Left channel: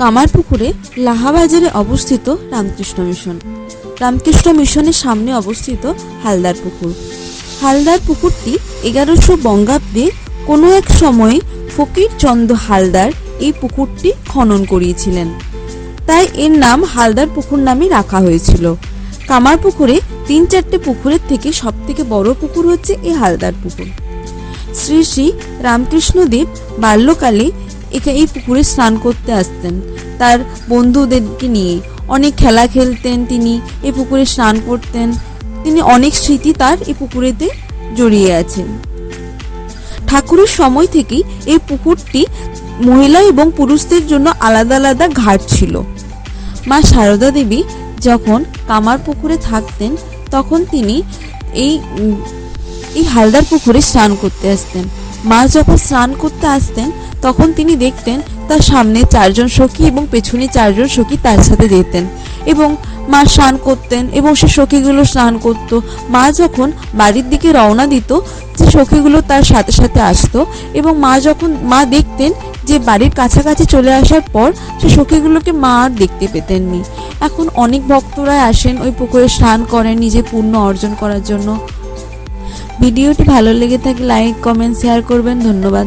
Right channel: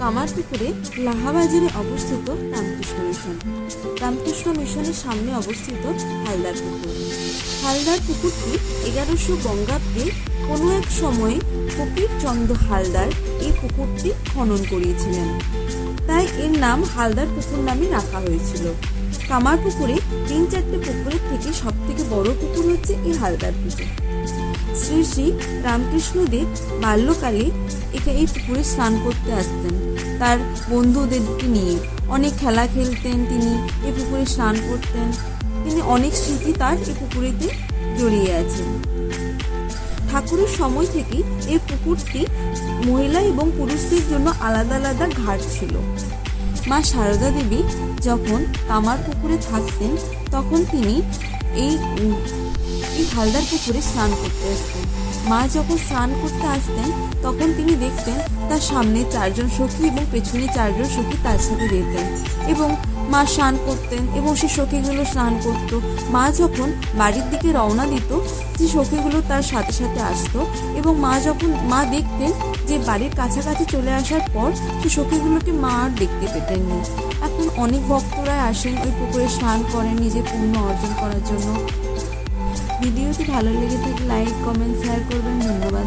কামারপুকুরে লাহাবাজারে অবস্থিত রামকৃষ্ণ মিশন। রামকৃষ্ণ মিশনের সামনে অবস্থিত হালদার পুকুর। হালদার পুকুরটি 1100 বঙ্গাব্দে কোনো এক সময়ে ফকিরচন্দ্র হালদার এই পুকুরটি খনন করিয়েছিলেন, তাই এর নাম হালদার পুকুর নামে রাখা হয়েছিল। কামারপুকুরে 3-4টে পুকুরের থেকে সবথেকে বড় পুকুর হচ্ছে এই হালদার পুকুর। শ্রী শ্রী রামকৃষ্ণদেব বাল্যকালে এই পুকুরে স্নান করতে আসতেন, তার বন্ধুদেরকে নিয়ে অনেক খেলা খেলতেন, তিনি এই পুকুরে স্নান করতেন। তিনি অনেক স্মৃতি তার এই পুকুরেতে জড়িয়ে আছে। ঠাকুরের সময় থেকেই এই পুকুরটি মহিলা এবং পুরুষদের জন্য আলাদা আলাদা ঘাট ছিল। মা সারদা দেবী যখন কামারপুকুরে থাকতেন তখন তিনি এই হালদার পুকুরে স্নান করতে আসতেন। মা যখন স্নান করতে আসতেন তখন তিনি দেখতেন তার সামনে 4 জন সখী এবং পেছনে 4 জন সখী তার সাথে যেতেন এবং মা স্নান করতেন এবং সে সখীগুলো স্নান করতো। মা যখন বাড়ির দিকে রওনা দিত যে সখীগুলো তার সাথে সাথে আসতো এবং মা দেখতেন যে বাড়ির কাছাকাছি চলে আসার পর সে সখীগুলোকে মা আর দেখতে পেতেননি। এখন অনেক ভক্তরা আসেন ওই পুকুরে স্নান করেন নিজে পুণ্য অর্জন করার জন্য। ভিডিওটি ভালো লেগে থাকলে লাইক, কমেন্ট, শেয়ার করবেন। ধন্যবাদ।